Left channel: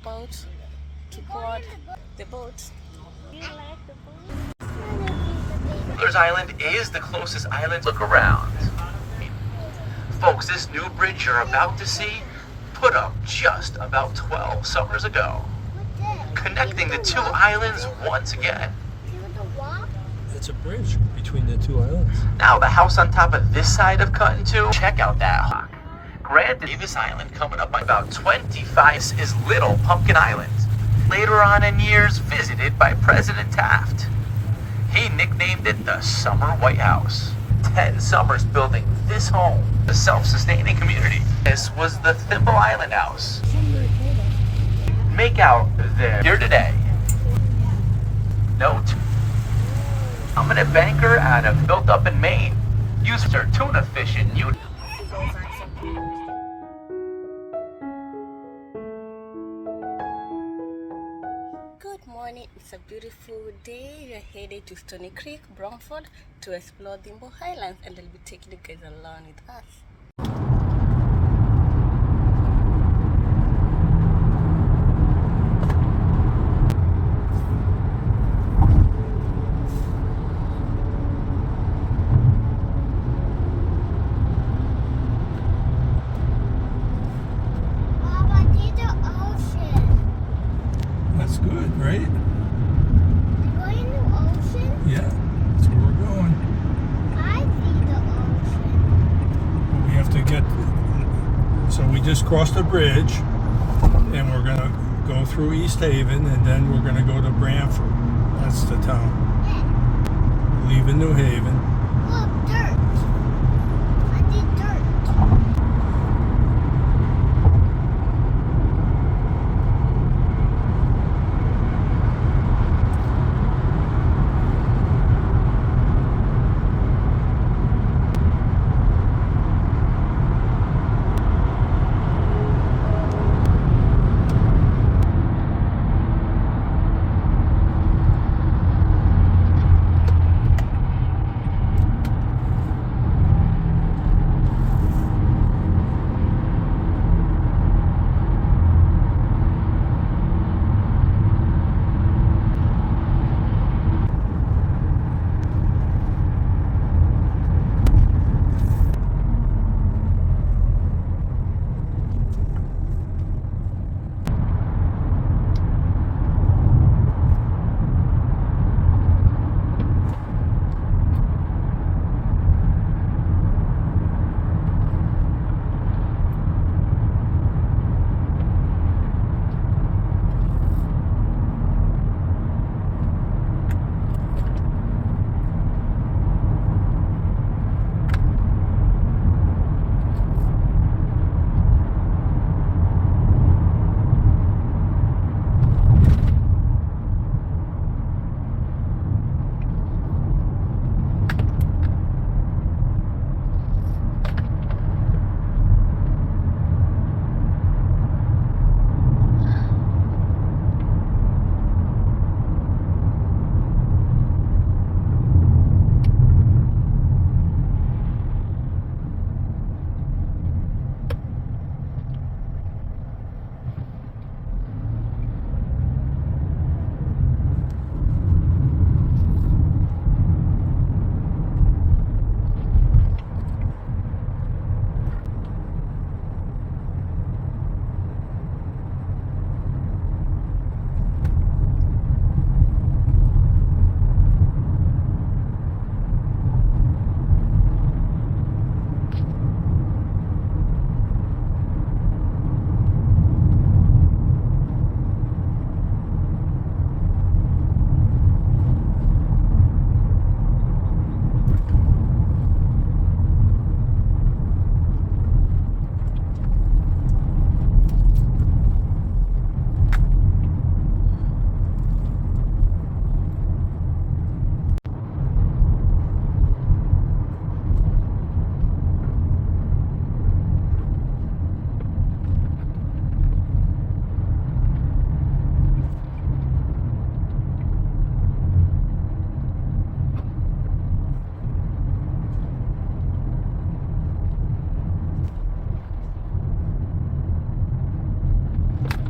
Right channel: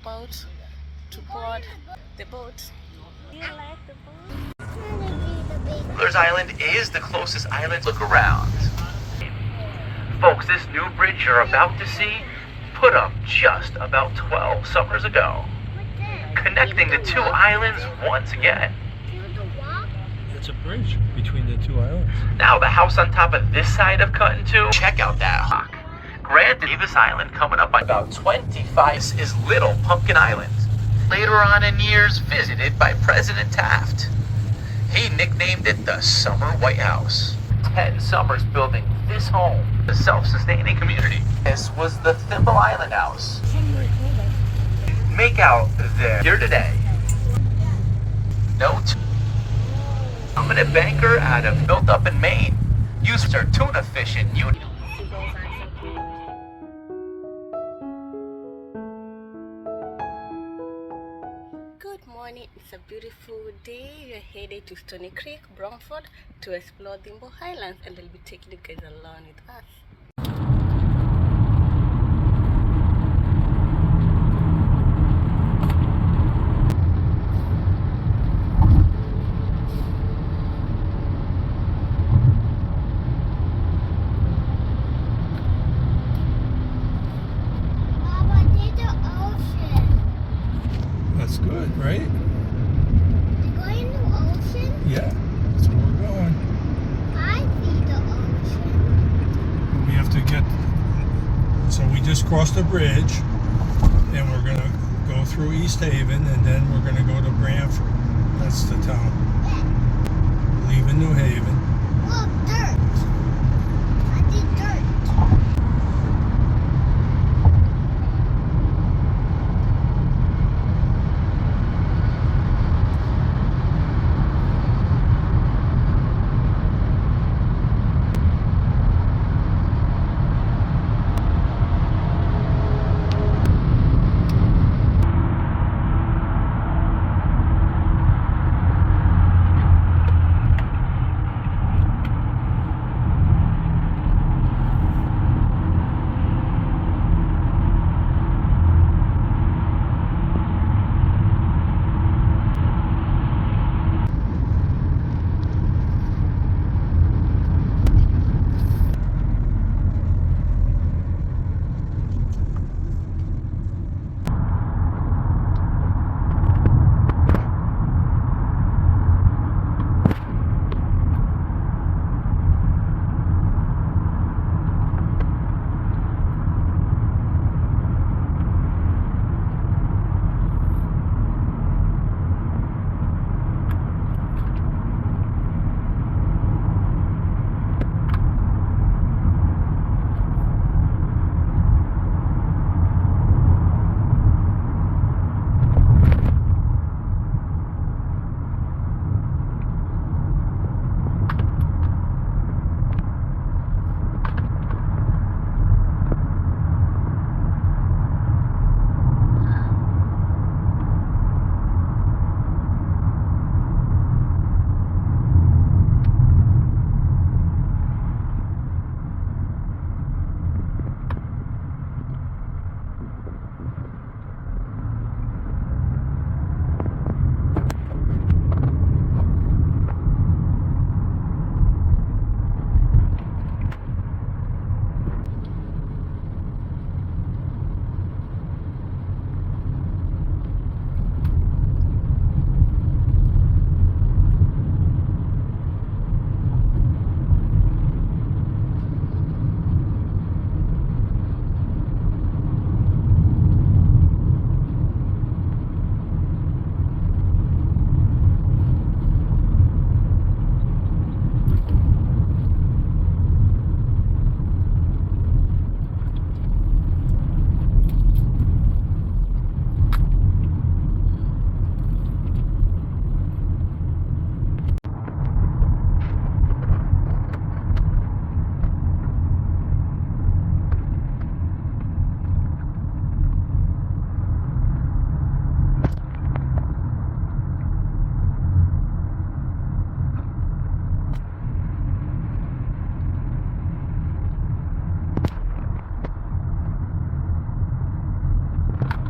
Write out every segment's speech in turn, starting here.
about to board the boat. Do you like the boat? Thimble Island is the closest island to look around. Folks, this new bridge you're about to see put up just about 12 summers ago, connecting the two islands once again. It's a bridge between the two islands. Now, the house on top of this side of Cutting 2, check out that rock. Granted, Davis Island coming up by about 25 is Little Pumpkin Island. Later on in years, visited by President Taft. He nicknamed it the Summer White House. 10 summers building this home, a self-sustaining community. This was the Thimble Island house. Make out there here today. Note. Prominent banker out of built up in Maine. Used her tuna fishing. Good morning, it's a beautiful day. You're headed to Stony Creek, Brandford to explore Thimble Islands, and they'll be taking you guys along with us. That's good, right? You're going to the ocean? Yeah, that's where we're going. I see the ocean. We have to get. So we just crossed a bridge, and we're gonna go through East Haven, and then we're gonna go to Brandford. That's the town. Leaving New Haven. Look, dirt. I see dirt.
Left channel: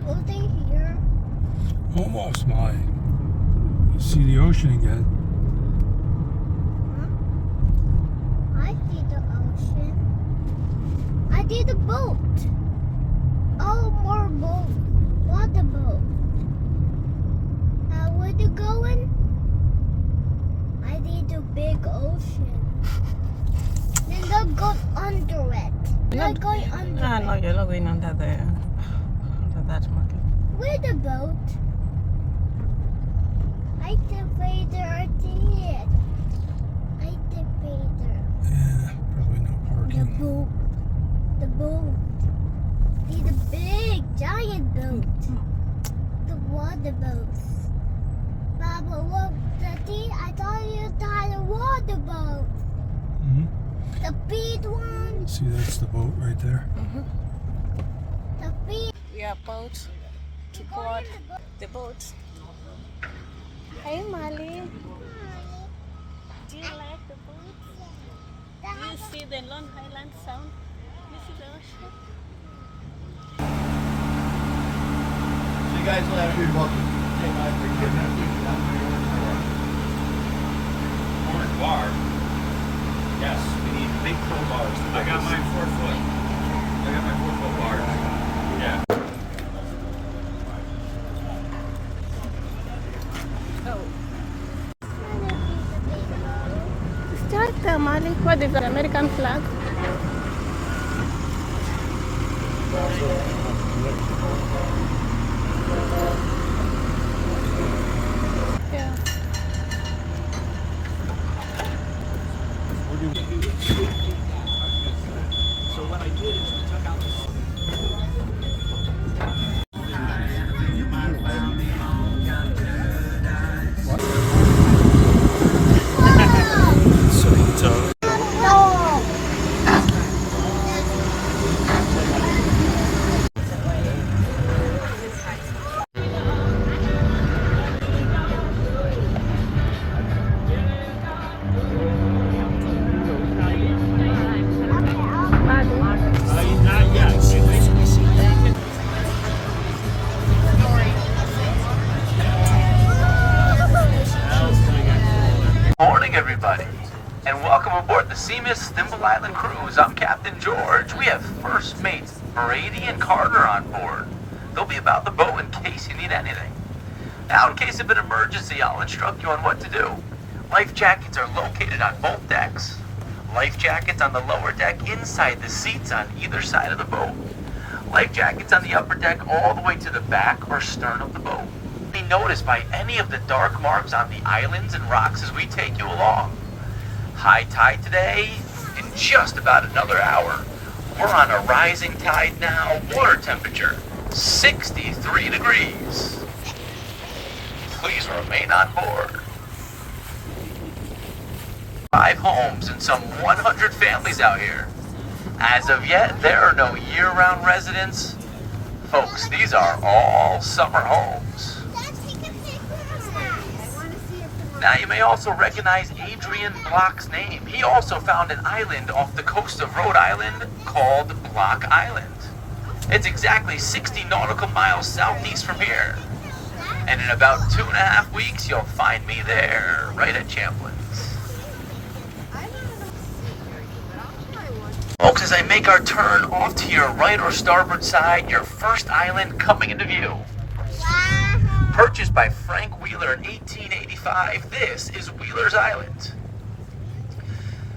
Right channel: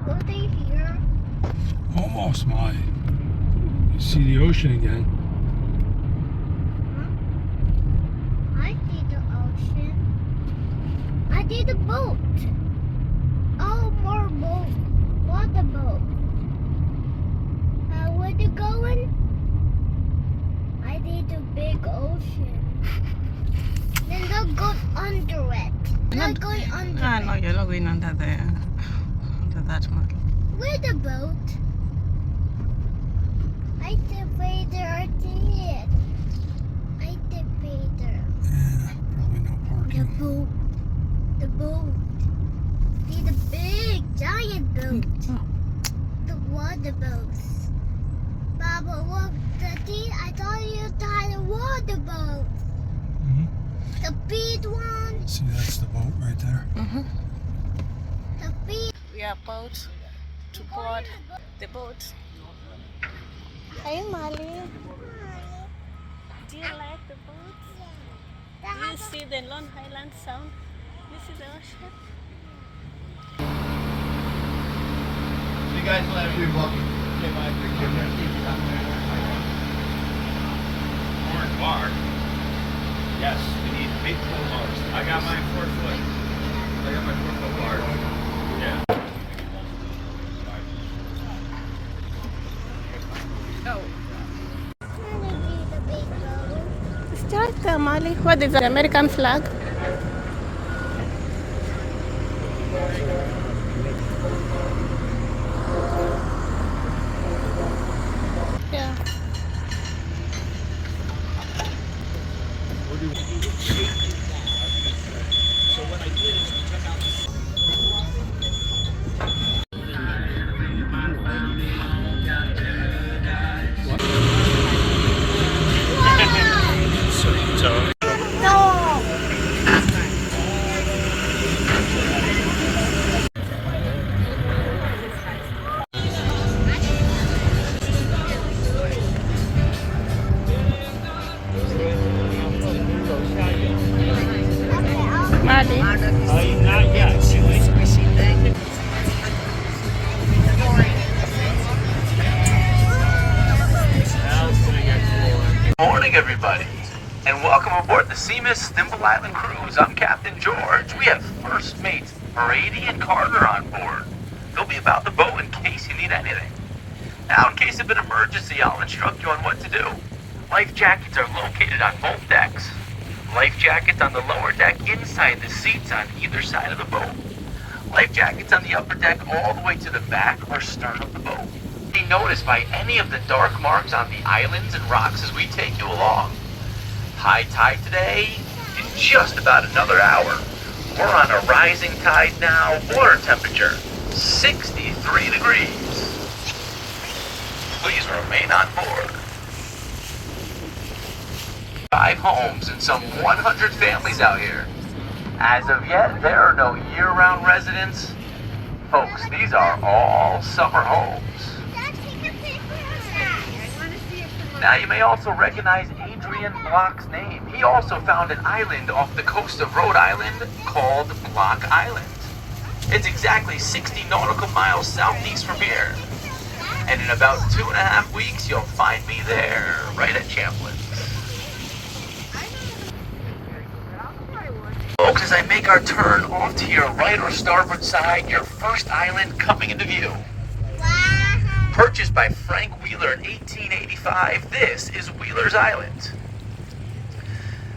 Were they here? Almost, Molly. You see the ocean again. Huh? I see the ocean. I see the boat. Oh, more boat. Water boat. Where they going? I see the big ocean. Then they'll go under it. They're going under Ah, it. no, you're not going under there. Under that one. Where's the boat? I see Vader. I see it. I see Vader. Yeah, probably no The parking. boat. The boat. See the big giant boat. The water boats. Papa, look, Daddy, I thought you had a water boat. Mhm. The big one. See, that's the boat right there. The big. We are about to board the boat. Hey, Molly. Do you like the boat? Do you see the Long Island Sound? Do you see the ocean? You guys will have to be welcome. Orange bar. Yes, we need big cool bars. I got my 4 foot. I got my 4 foot bar. Yeah. Start there, Molly. What is the American flag? Yeah. Morning, everybody, and welcome aboard the Seamus Thimble Island cruise. I'm Captain George. We have first mates Brady and Carter on board. They'll be about the boat in case you need anything. Now, in case of an emergency, I'll instruct you on what to do. Life jackets are located on both decks. Life jackets on the lower deck inside the seats on either side of the boat. Life jackets on the upper deck all the way to the back or stern of the boat. Be noticed by any of the dark marks on the islands and rocks as we take you along. High tide today in just about another hour. We're on a rising tide now. Water temperature 63 degrees. Please remain on board. 5 homes and some 100 families out here. As of yet, there are no year-round residents. Folks, these are all summer homes. Now, you may also recognize Adrian Block's name. He also found an island off the coast of Rhode Island called Block Island. It's exactly 60 nautical miles southeast from here. And in about 2.5 weeks, you'll find me there, right at Champlain's. Folks, as I make our turn off to your right or starboard side, your first island coming into view. Purchased by Frank Wheeler in 1885, this is Wheeler's Island.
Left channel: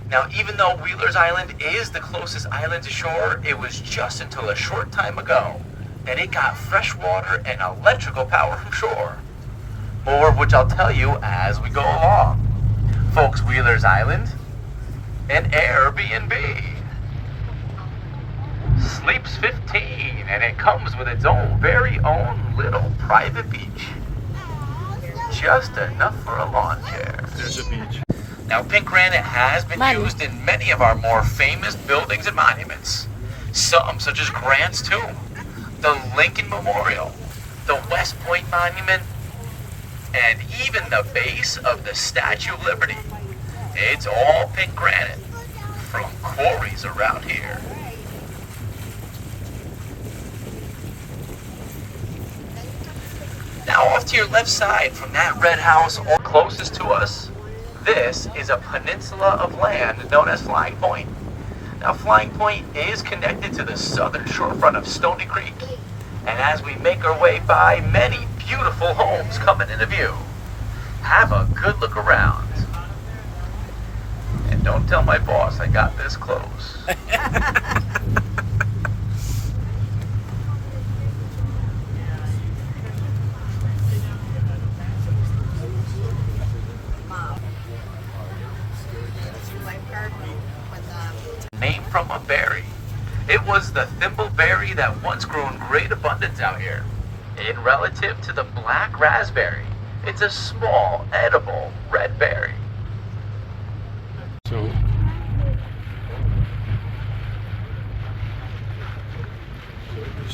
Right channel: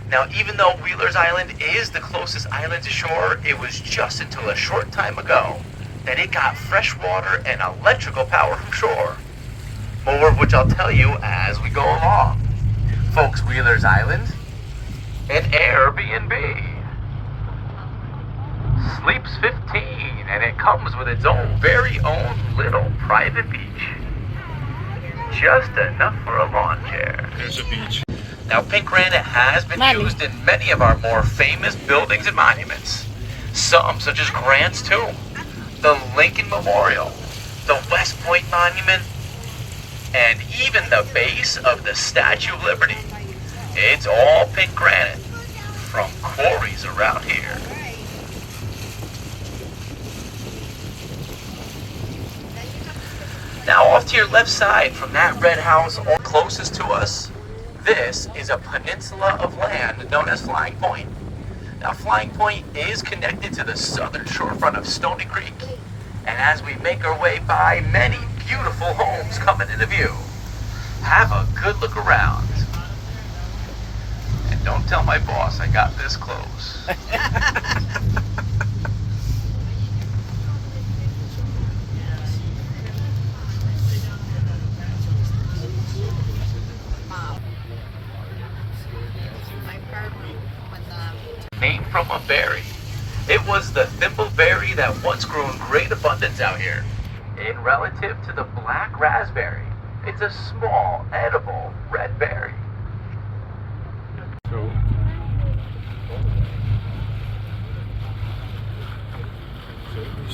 Now, even though Wheeler's Island is the closest island to shore, it was just until a short time ago that it got fresh water and electrical power from shore. More of which I'll tell you as we go along. Folks, Wheeler's Island, an Airbnb. Sleeps 15, and it comes with its own very own little private beach. Just enough for a lawn chair. There's a beach. Now, pink granite has been Molly. used in many of our more famous buildings and monuments. Some, such as Grant's Tomb, the Lincoln Memorial, the West Point Monument, and even the base of the Statue of Liberty. It's all pink granite from quarries around here. Now off to your left side from that red house all closest to us, this is a peninsula of land known as Flying Point. Now Flying Point is connected to the southern shorefront of Stony Creek. And as we make our way by, many beautiful homes coming into view. Have a good look around. And don't tell my boss I got this close. Named from a berry. It was the thimble berry that once grew in great abundance out here. In relative to the black raspberry, it's a small, edible red berry. So,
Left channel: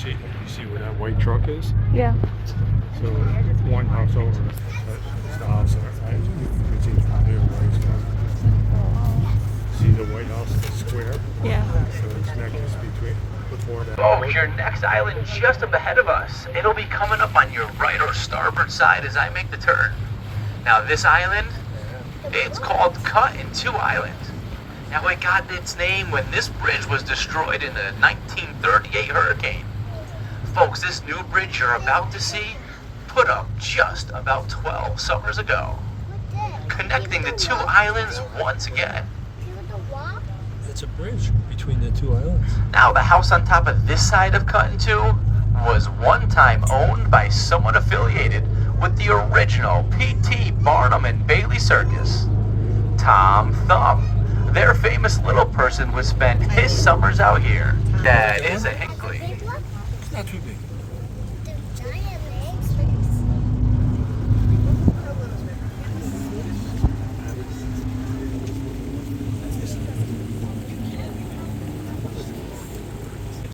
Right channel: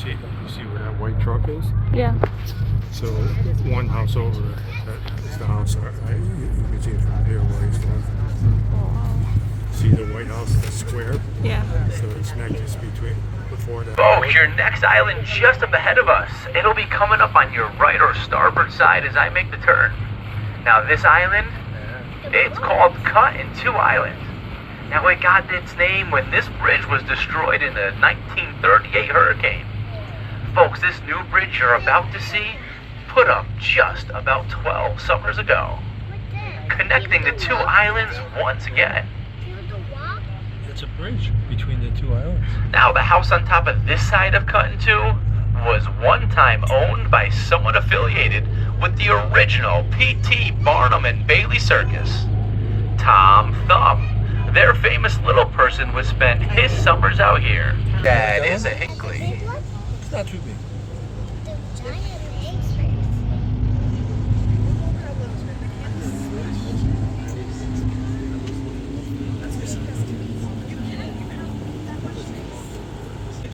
you see where that white truck is? Yeah. So one house over, that's the house, right? You can see it from here, right? See the White House, the square? Yeah. So it's next between before that. Folks, your next island just up ahead of us. It'll be coming up on your right or starboard side as I make the turn. Now this island, it's called Cut-in-Two Island. Now it got its name when this bridge was destroyed in the 1938 hurricane. Folks, this new bridge you're about to see put up just about 12 summers ago, connecting the two islands once again. It's a bridge between the two islands. Now, the house on top of this side of Cut-in-Two was one time owned by someone affiliated with the original P.T. Barnum and Bailey Circus. Tom Thumb, their famous little person, would spend his summers out here. That is a Hinkley. It's not too big.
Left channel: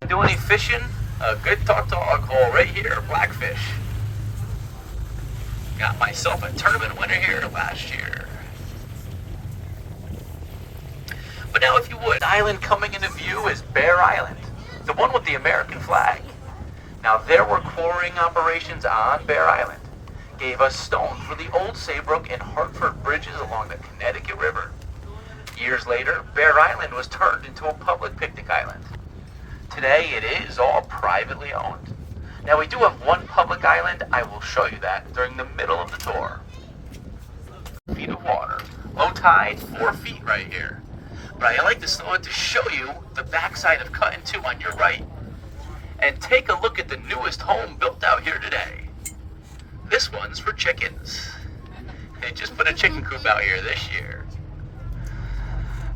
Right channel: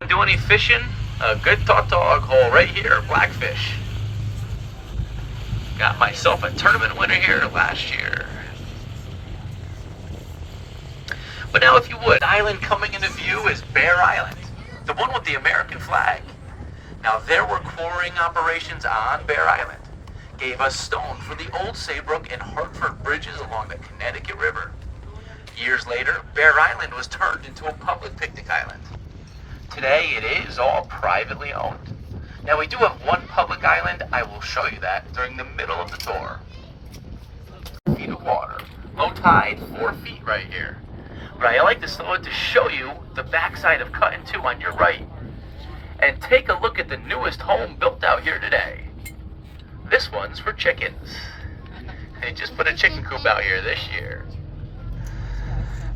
Do any fishing? A good tautog hole right here, blackfish. Got myself a tournament winner here last year. But now if you would, the island coming into view is Bear Island, the one with the American flag. Now there were quarrying operations on Bear Island. Gave us stone for the old Saybrook and Hartford bridges along the Connecticut River. Years later, Bear Island was turned into a public picnic island. Today it is all privately owned. Now we do have one public island. I will show you that during the middle of the tour. Feet of water. Low tide, 4 feet right here. But I like to slow it to show you the backside of Cut-in-Two on your right. And take a look at the newest home built out here today. This one's for chickens. They just put a chicken coop out here this year.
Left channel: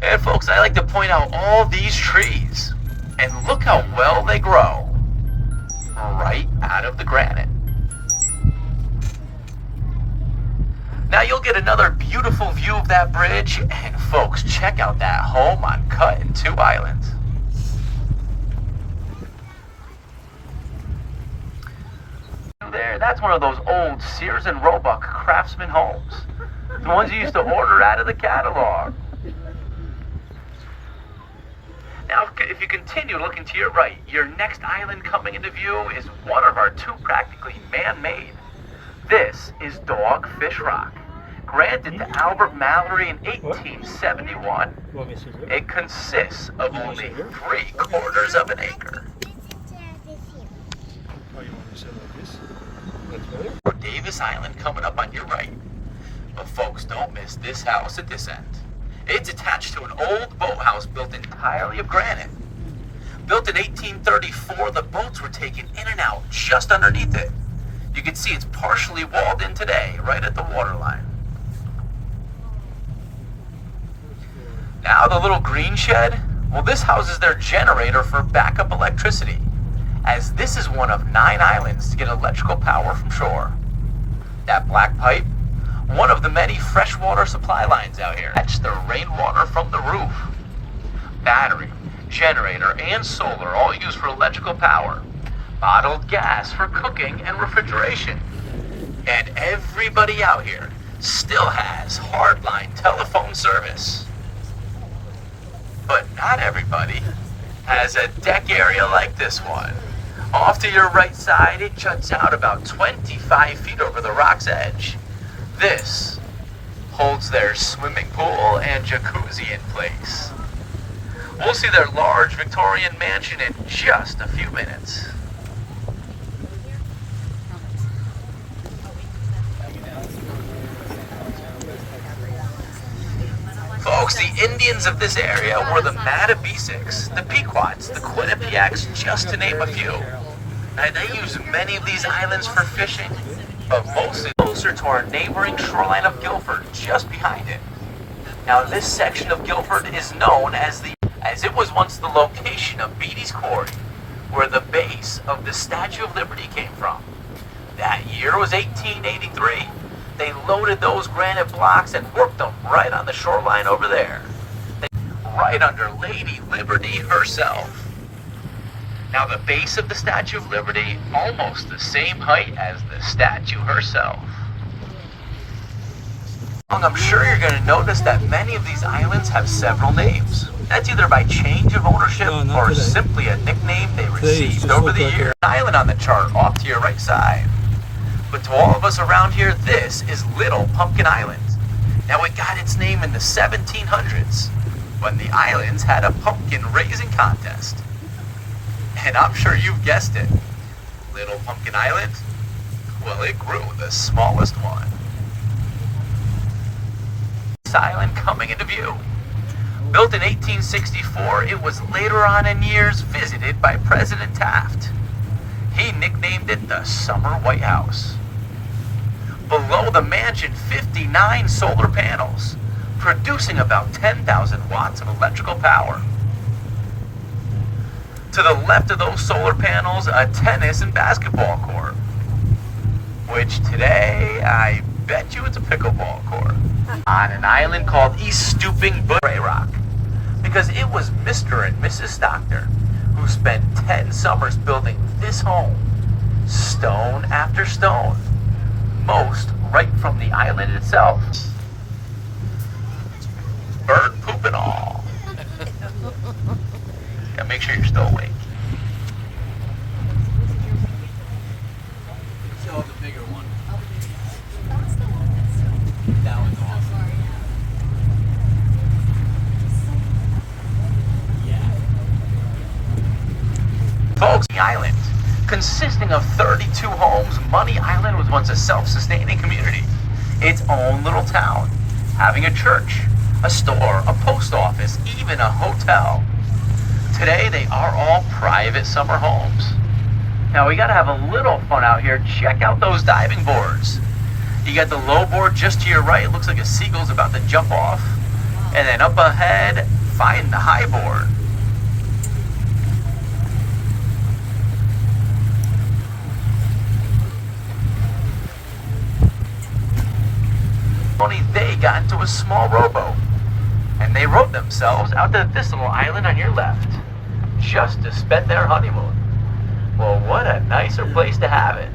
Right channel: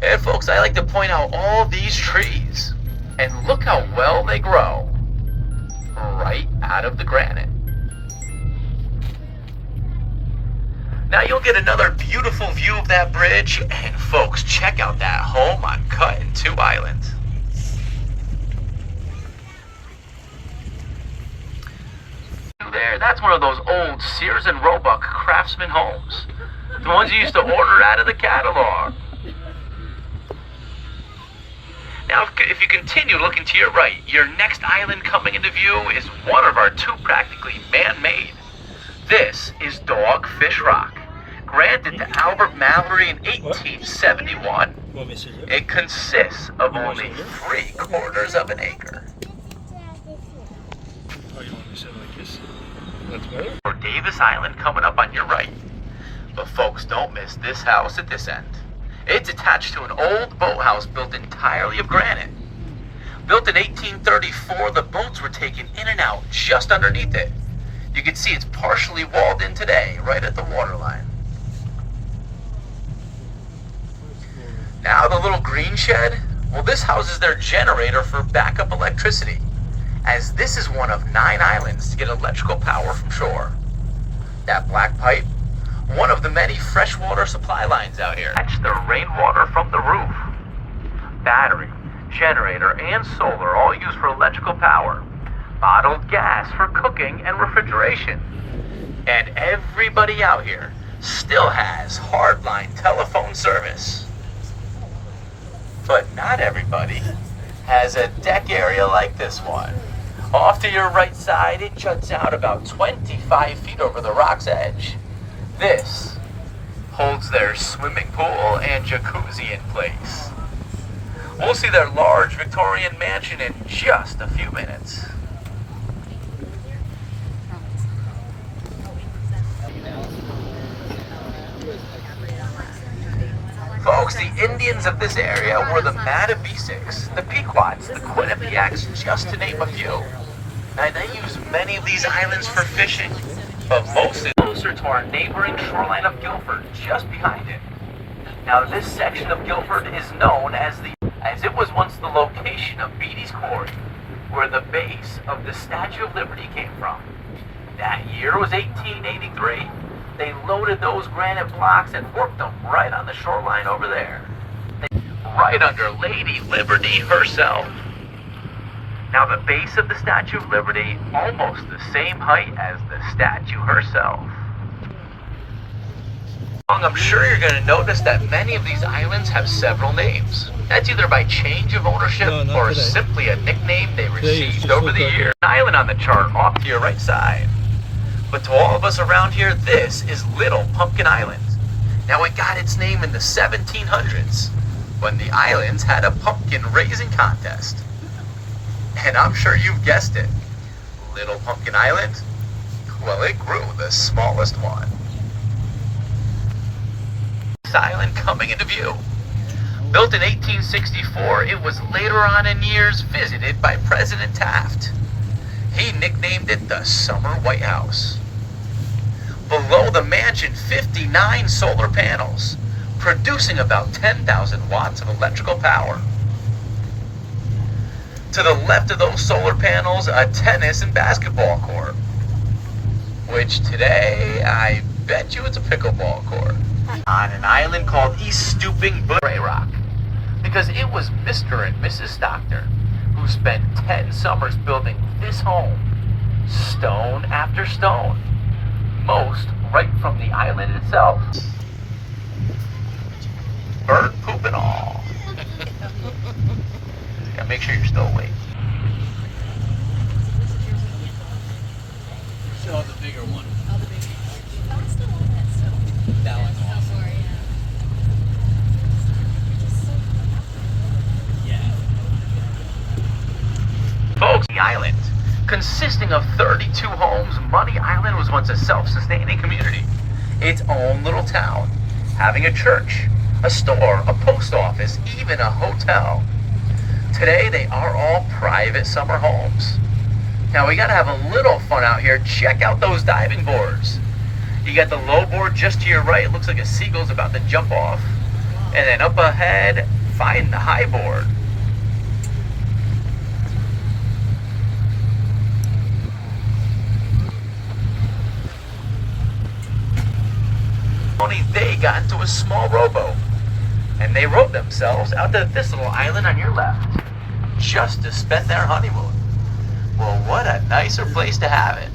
And folks, I like to point out all these trees. And look how well they grow, right out of the granite. Now you'll get another beautiful view of that bridge, and folks, check out that home on Cut-in-Two Island. There, that's one of those old Sears and Roebuck Craftsman homes. The ones you used to order out of the catalog. Now, if you continue looking to your right, your next island coming into view is one of our two practically man-made. This is Dogfish Rock, granted to Albert Mallory in 1871. It consists of only 3/4 of an acre. For Davis Island coming up on your right. But folks, don't miss this house at this end. It's attached to an old boathouse built entirely of granite. Built in 1834, the boats were taken in and out just underneath it. You can see it's partially walled in today, right at the waterline. Now the little green shed, well, this houses their generator for backup electricity, as this is one of 9 islands to get electrical power from shore. That black pipe, one of the many freshwater supply lines out here. Catch the rainwater from the roof. Battery, generator, and solar all used for electrical power. Bottled gas for cooking and refrigeration. And everybody out here still has hardline telephone service. But not everybody has a deck area like this one, Off to your right side, it juts out about 25 feet over the rock's edge. This holds their swimming pool and jacuzzi in place. We'll see their large Victorian mansion in just a few minutes. Folks, the Indians of this area were the Mattabesics, the Pequots, the Quinnipiacs, just to name a few. And they use many of these islands for fishing, but mostly closer to our neighboring shoreline of Guilford, just behind it. Now, this section of Guilford is known as it was once the location of Beatty's Quarry, where the base of the Statue of Liberty came from. That year was 1883. They loaded those granite blocks and worked them right on the shoreline over there. Right under Lady Liberty herself. Now the base of the Statue of Liberty, almost the same height as the statue herself. I'm sure you're going to notice that many of these islands have several names. That's either by change of ownership or today. simply a nickname they received just over look the like years. An island on the chart off to your right side. But to all of us around here, this is Little Pumpkin Island. Now it got its name in the 1700s when the islands had a pumpkin raising contest. And I'm sure you've guessed it. Little Pumpkin Island? Well, it grew the smallest one. This island coming into view. Built in 1864, it was later on in years visited by President Taft. He nicknamed it the Summer White House. Below the mansion, 59 solar panels, producing about 10,000 watts of electrical power. To the left of those solar panels, a tennis and basketball court. Which today, I bet you it's a pickleball court. On an island called East Stooping Gray Rock. Because it was Mr. and Mrs. Stockton who spent 10 summers building this home, stone after stone, most right from the island itself. Bird poop and all. Gotta make sure you're still awake. Folks, the island, consisting of 32 homes, Money Island was once a self-sustaining community. Its own little town, having a church, a store, a post office, even a hotel. Today, they are all private summer homes. Now, we gotta have a little fun out here. Check out those diving boards. You got the low board just to your right. It looks like a seagull's about to jump off. And then up ahead, find the high board. They got into a small rowboat, and they rowed themselves out to this little island on your left, just to spend their honeymoon. Well, what a nicer place to have it.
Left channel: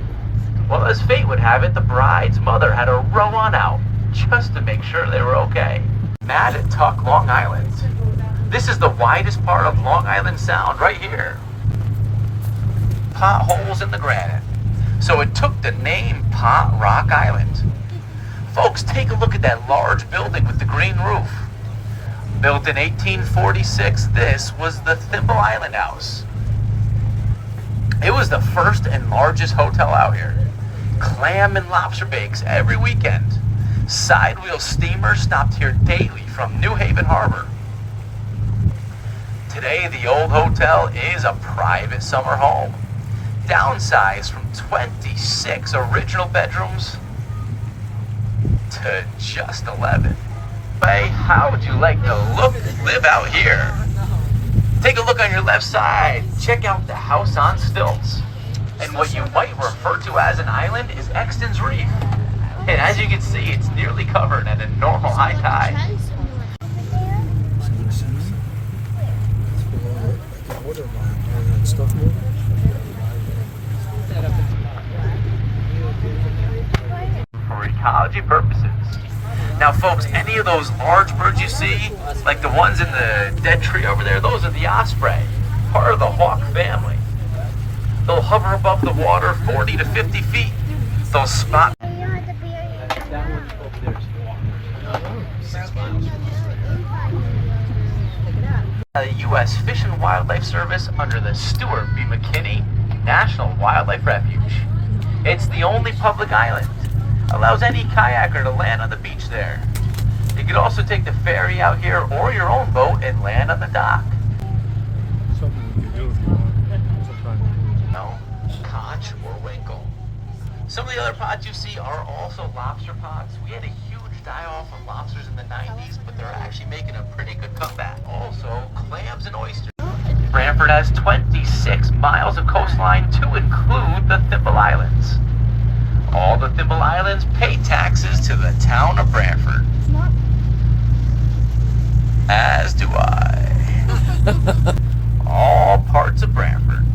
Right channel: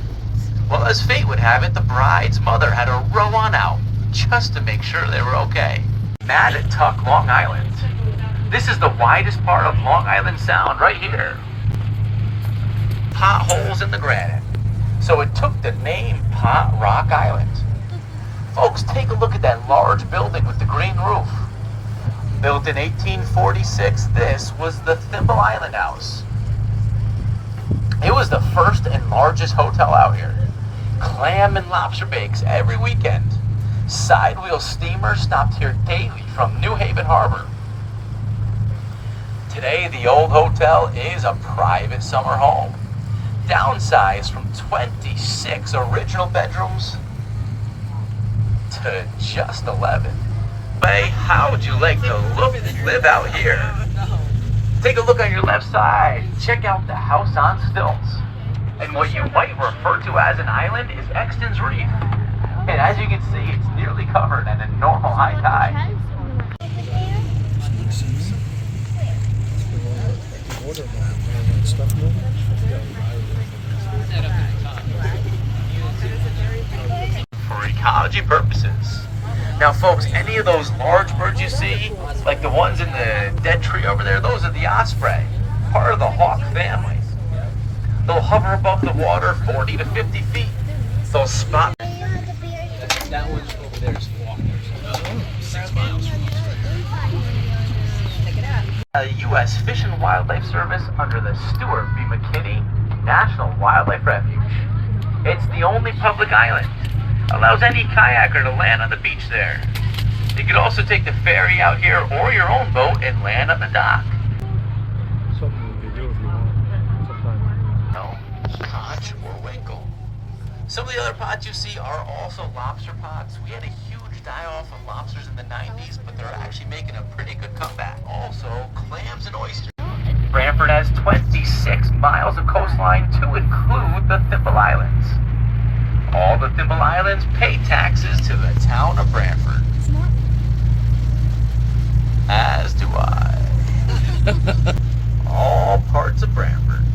Well, as fate would have it, the bride's mother had to row on out, just to make sure they were okay. Mattatuck, Long Island. This is the widest part of Long Island Sound, right here. Potholes in the granite. So it took the name Pot Rock Island. Folks, take a look at that large building with the green roof. Built in 1846, this was the Thimble Island House. It was the first and largest hotel out here. Clam and lobster bakes every weekend. Sidewheel steamers stopped here daily from New Haven Harbor. Today, the old hotel is a private summer home. Downsized from 26 original bedrooms to just 11. Hey, how would you like to live out here? Take a look on your left side. Check out the house on stilts. And what you might refer to as an island is Exton's Reef. And as you can see, it's nearly covered at a normal high tide. For ecology purposes. Now folks, any of those large birds you see, like the ones in the dead tree over there, those are the osprey, part of the hawk family. They'll hover above the water 40 to 50 feet. They'll spot. That one's over there. 6 miles. U.S. Fish and Wildlife Service under the Stuart B. McKinney National Wildlife Refuge. It's the only public island. Allows any kayaker to land on the beach there. You could also take the ferry out here or your own boat and land on the dock. Something we could do if you want. Sometime. No, conch or winkle. Some of the other pots you see are also lobster pots. We had a huge die-off of lobsters in the 90s, but they're actually making a pretty good comeback. Also, clams and oysters. Brandford has 26 miles of coastline to include the Thimble Islands. All the Thimble Islands pay taxes to the town of Brandford. As do I. All parts of Brandford.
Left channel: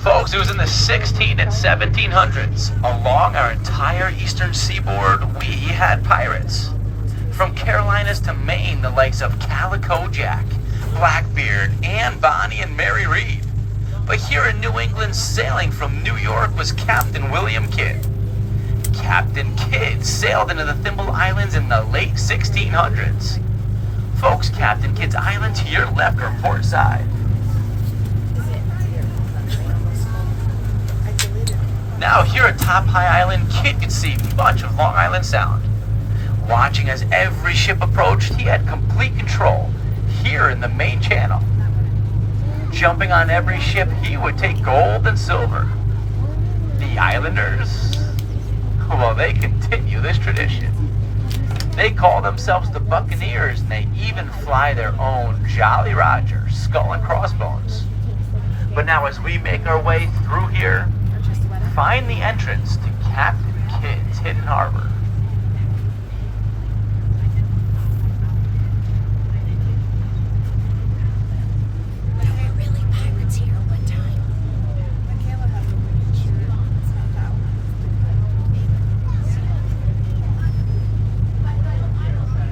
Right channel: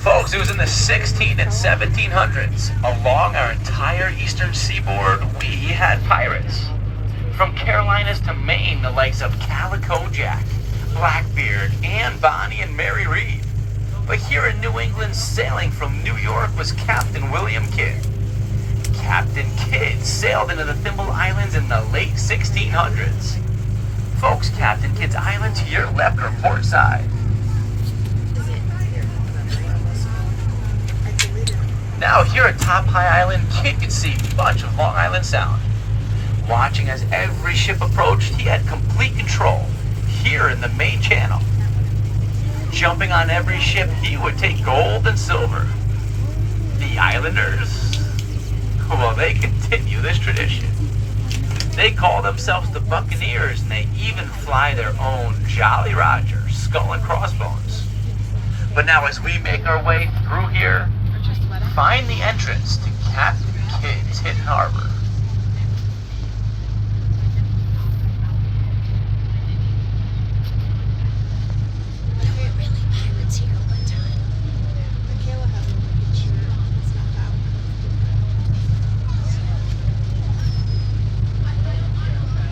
Folks, it was in the 16 and 1700s. Along our entire eastern seaboard, we had pirates. From Carolinas to Maine, the likes of Calico Jack, Blackbeard, Anne Bonny, and Mary Read. But here in New England, sailing from New York was Captain William Kidd. Captain Kidd sailed into the Thimble Islands in the late 1600s. Folks, Captain Kidd's island to your left or port side. Now here at Top High Island, Kidd could see much of Long Island Sound. Watching as every ship approached, he had complete control here in the main channel. Jumping on every ship, he would take gold and silver. The Islanders, well, they continue this tradition. They call themselves the Buccaneers, and they even fly their own Jolly Roger skull and crossbones. But now as we make our way through here, find the entrance to Captain Kidd's hidden harbor.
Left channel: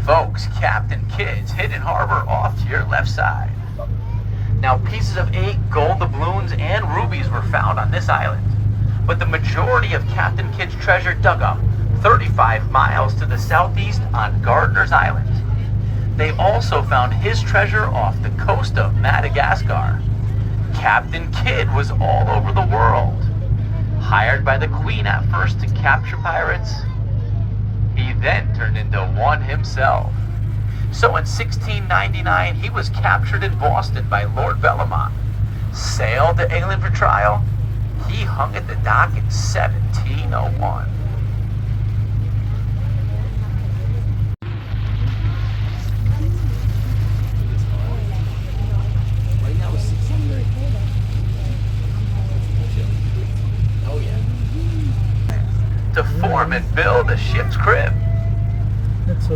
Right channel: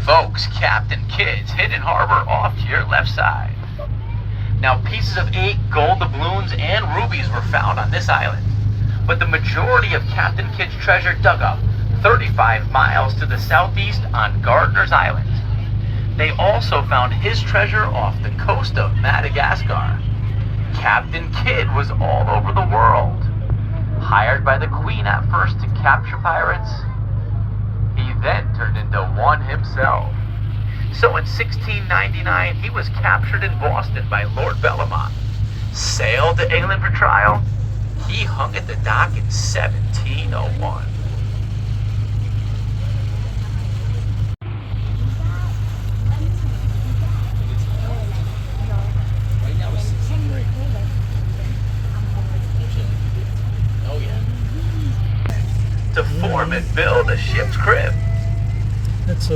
Folks, Captain Kidd's hidden harbor off to your left side. Now, pieces of 8 gold doubloons and rubies were found on this island, but the majority of Captain Kidd's treasure dug up 35 miles to the southeast on Gardiner's Island. They also found his treasure off the coast of Madagascar. Captain Kidd was all over the world. Hired by the Queen at first to capture pirates, he then turned into one himself. So in 1699, he was captured in Boston by Lord Bellomont. Sailed to England for trial. He hung at the dock in 1701. Right now it's 63. Oh yeah. To form and build a ship's crib.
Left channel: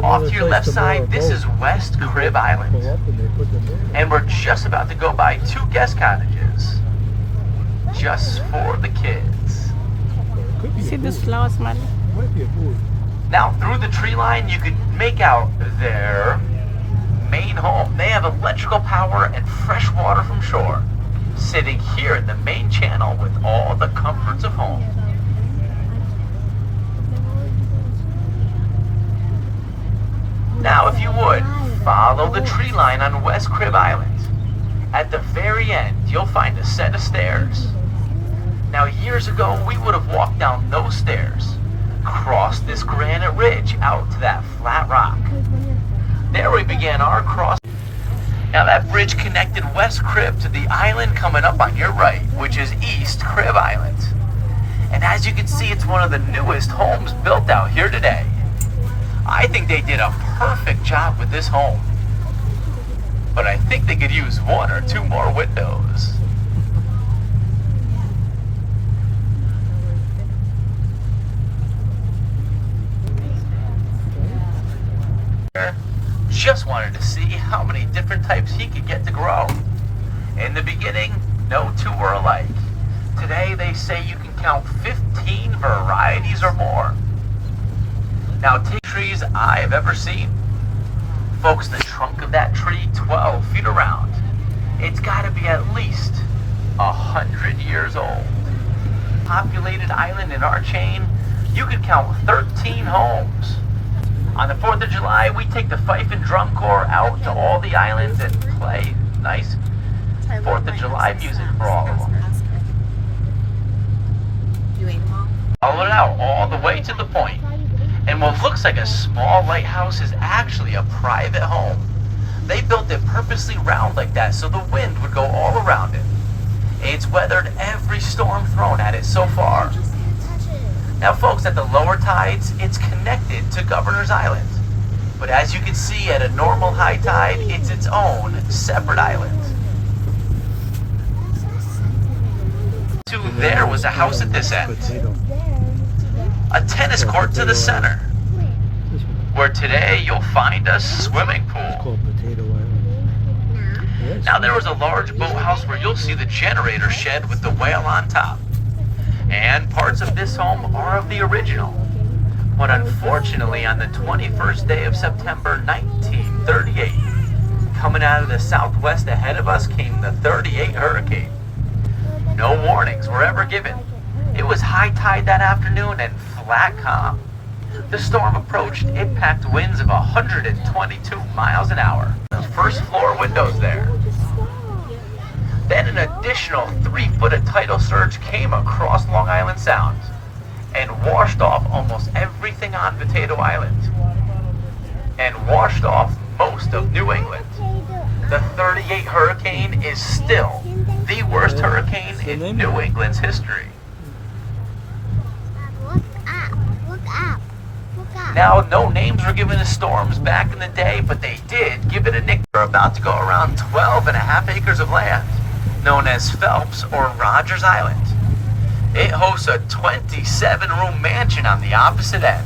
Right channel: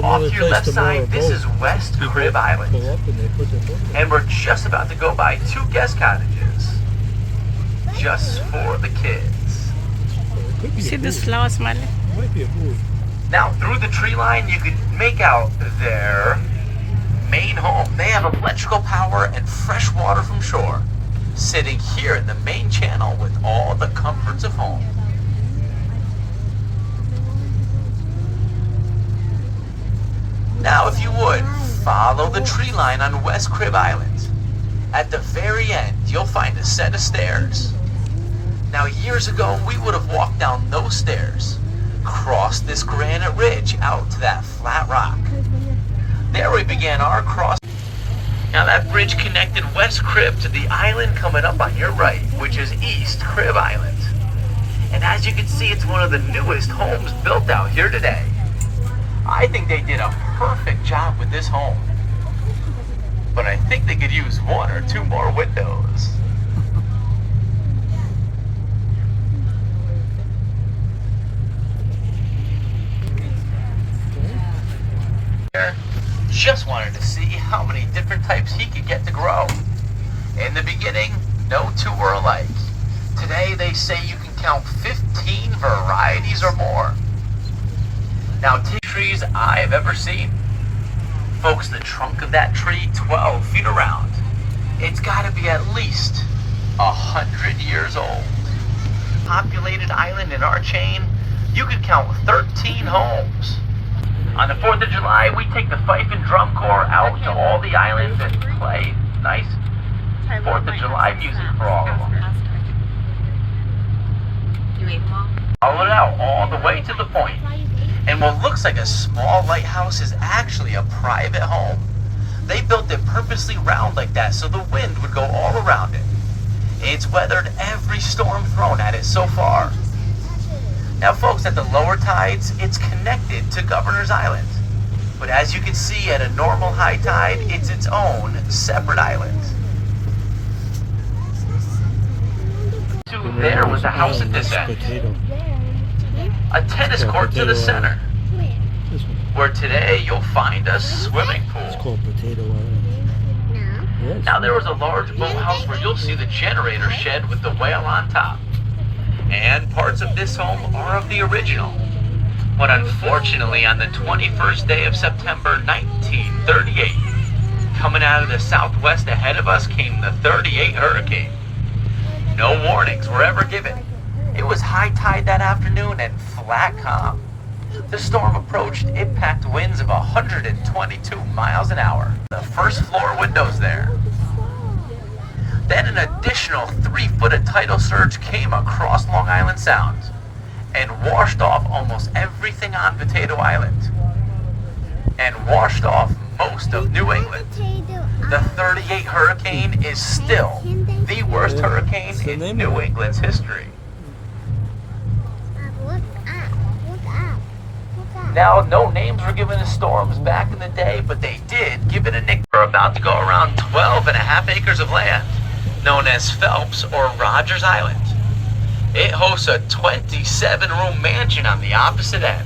Off to your left side, this is West Crib Island. And we're just about to go by 2 guest cottages. Just for the kids. See this flower smiling? Now, through the tree line, you can make out their main home. They have electrical power and fresh water from shore, sitting here in the main channel with all the comforts of home. Now, if you would, follow the tree line on West Crib Island. At the very end, you'll find a set of stairs. Now, years ago, we would have walked down those stairs, crossed this granite ridge out to that flat rock. There we began our cross. Now, that bridge connected West Crib to the island coming up on your right, which is East Crib Island. And as you can see, it's one of the newest homes built out here today. I think they did a perfect job with this home. But I think they could use 1 or 2 more windows. Just wanted to see how many different types he could get to grow. In the beginning, no 2 were alike. Today they say you can count 15 varieties or more. Now, trees I've ever seen. Folks, the trunk of that tree, 12 feet around. It's gotta be at least 100 years old. Populated island in our chain, you could count 13 homes. On the 4th of July, we take the fife and drum corps out to all the islands and play nice 4th of July music for all of them. You ate them all? Follow it out all the way to the point. And what looks like a small lighthouse is actually a private home. They built it purposely round like that so the wind would go all around it. It's weathered every storm thrown at it so far. Now folks, at the lower tides, it's connected to Governor's Island. But as you can see, at a normal high tide, it's its own separate island. There was a house at this end. A tennis court to the center. Where today you'll find a swimming It's pool. called Potato Island. Now there was a large boathouse where you'll see the generator shed with the whale on top. And parts of this home are of the original. But unfortunately, on the 21st day of September 1938, coming out of the southwest ahead of us came the 38 hurricane. No warnings were ever given. It was high tide that afternoon and flat calm. The storm approached, it packed winds of 122 miles an hour. The first floor windows there. Then an additional 3 foot of tidal surge came across Long Island Sound and washed off almost everything on Potato Island and washed off most of New England. The 38 hurricane is still the worst hurricane in New England's history. Look up. Look up. Look up. Now, no names were given to storms back in the day, but they did give it a nickname. We're about to go around 12.5 acres of land, known as Phelps or Rogers Island. It hosts a 27-room mansion on the opposite end.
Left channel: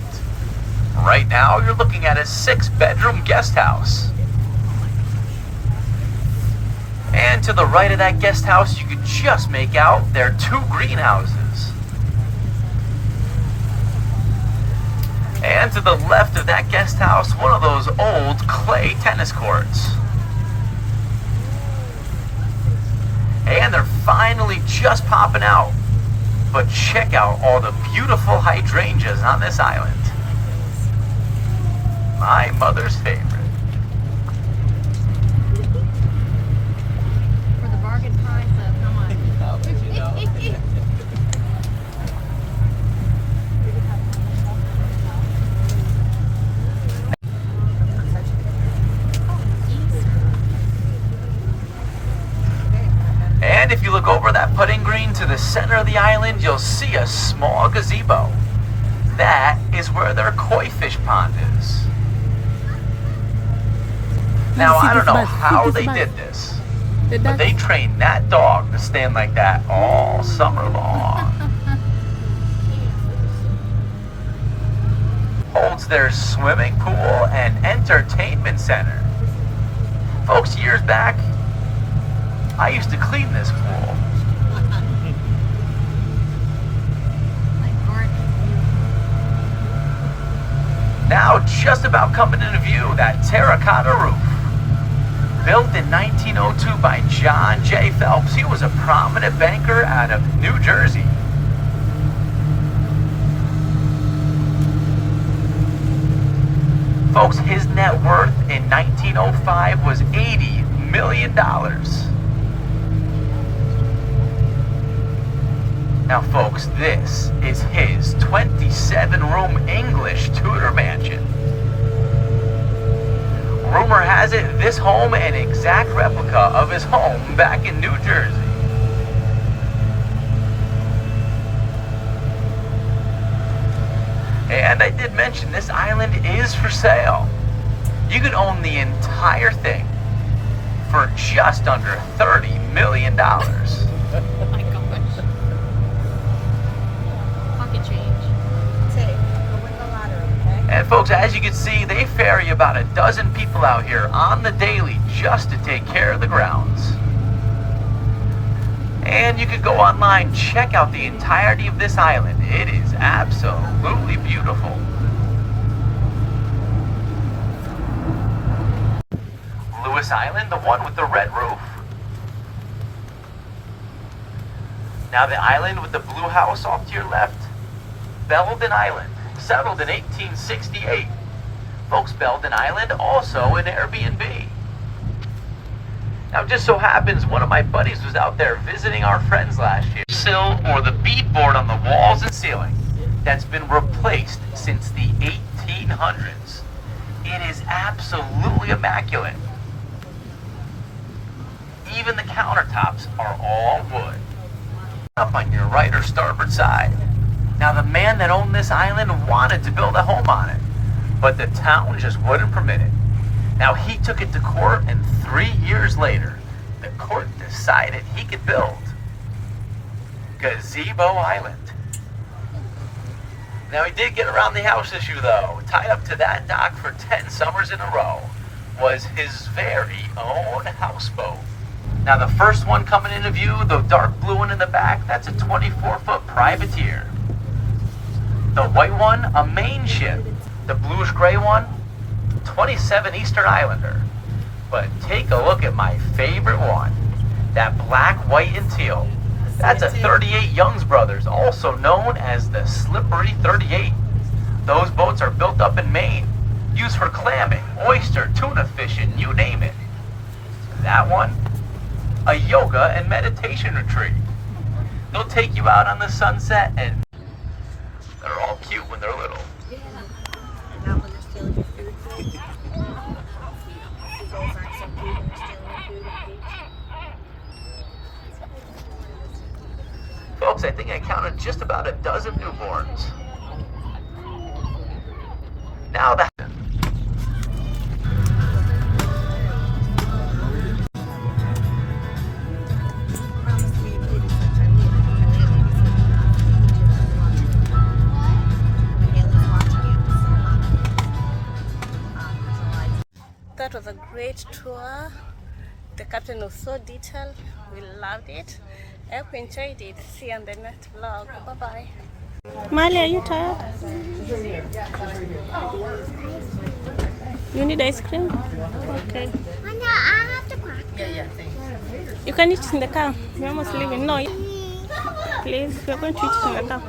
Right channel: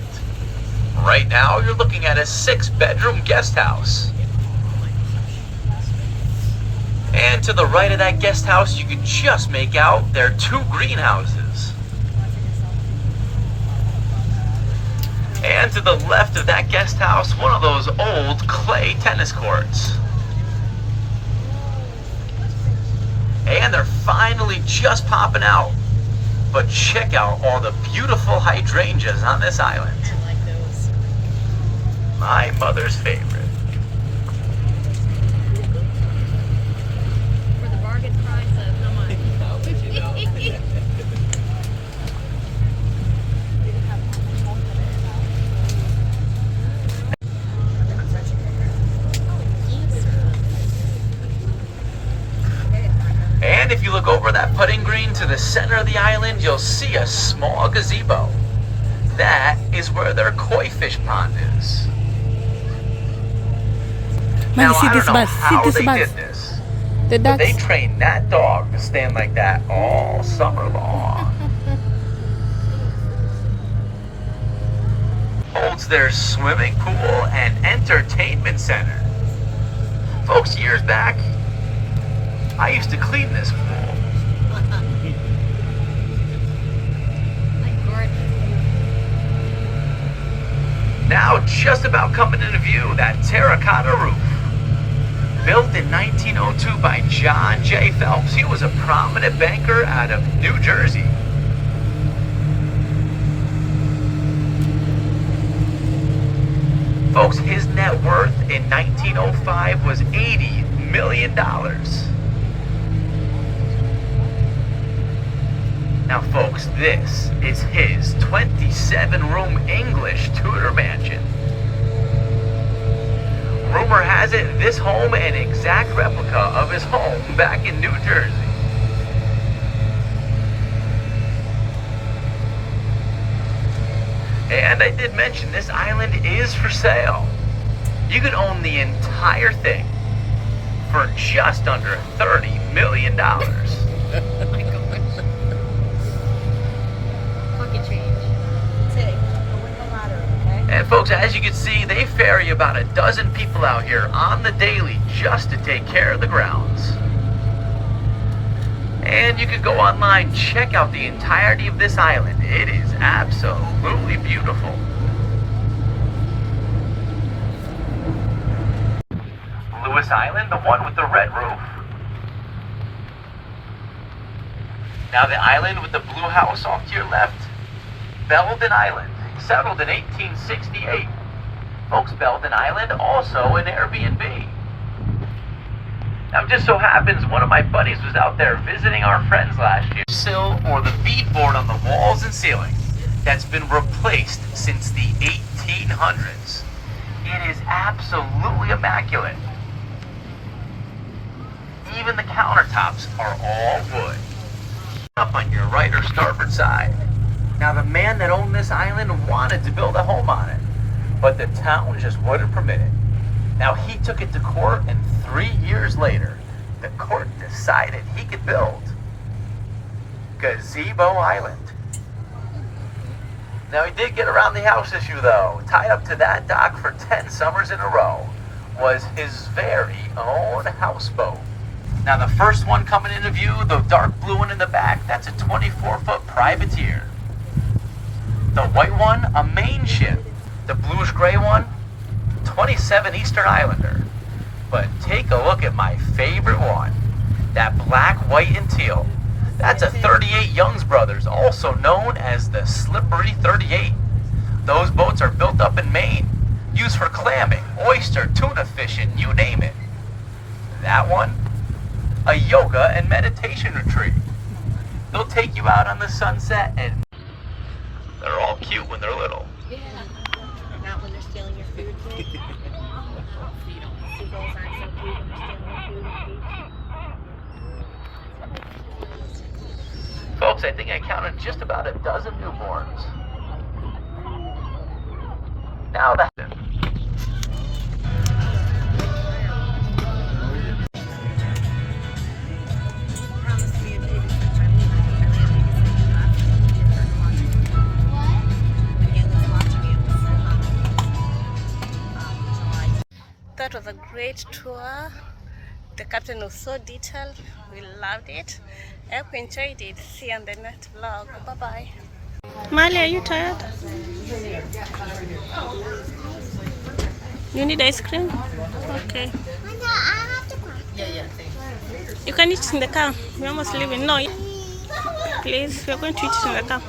Right now, you're looking at a 6-bedroom guest house. And to the right of that guest house, you can just make out their 2 greenhouses. And to the left of that guest house, one of those old clay tennis courts. And they're finally just popping out. But check out all the beautiful hydrangeas on this island. My mother's favorite. For the bargain price And if you look over that putting green to the center of the island, you'll see a small gazebo. That is where their koi fish pond is. Now, I don't know how they did this, but they trained that dog to stand like that all summer long. Holds their swimming pool and entertainment center. Folks, years back, I used to clean this pool. Now just about coming into view, that terracotta roof. Built in 1902 by John J. Phelps. He was a prominent banker out of New Jersey. Folks, his net worth in 1905 was $80 million. Now folks, this is his 27-room English Tudor mansion. Rumor has it this home an exact replica of his home back in New Jersey. And I did mention this island is for sale. You can own the entire thing for just under $30 million. And folks, as you can see, they ferry about a dozen people out here on the daily just to take care of the grounds. And you can go online, check out the entirety of this island. It is absolutely beautiful. Lewis Island, the one with the red roof. Now the island with the blue house off to your left, Belden Island, settled in 1868. Folks, Belden Island, also an Airbnb. Now, it just so happens one of my buddies was out there visiting our friends last year. Sill or the beadboard on the walls and ceiling that's been replaced since the 1800s. It is absolutely immaculate. Even the countertops are all wood. Up on your right or starboard side. Now, the man that owned this island wanted to build a home on it, but the town just wouldn't permit it. Now, he took it to court, and 3 years later, the court decided he could build Gazebo Island. Now, he did get around the house issue, though. Tied up to that dock for 10 summers in a row was his very own houseboat. Now, the first one coming into view, the dark blue one in the back, that's a 24-foot privateer. The white one, a main ship. The bluish-gray one, 27 Eastern Islander. But take a look at my favorite one, that black, white, and teal. That's a 38 Young's Brothers, also known as the Slippery 38. Those boats are built up in Maine, used for clamming, oyster, tuna fishing, you name it. That one, a yoga and meditation retreat. They'll take you out on the sunset, and they're all cute when they're little. Yeah. Not when they're stealing your food. Seagulls aren't so cute when they're stealing your food. Folks, I think I counted just about a dozen newborns. Now that... That was a great tour. The captain was so detailed. We loved it. I hope you enjoyed it. See you on the next vlog. Bye bye. Mali, are you tired? You need ice cream? Okay. I have to crack. You can eat it in the car. We're almost leaving. No, please, we're going to eat it in the car.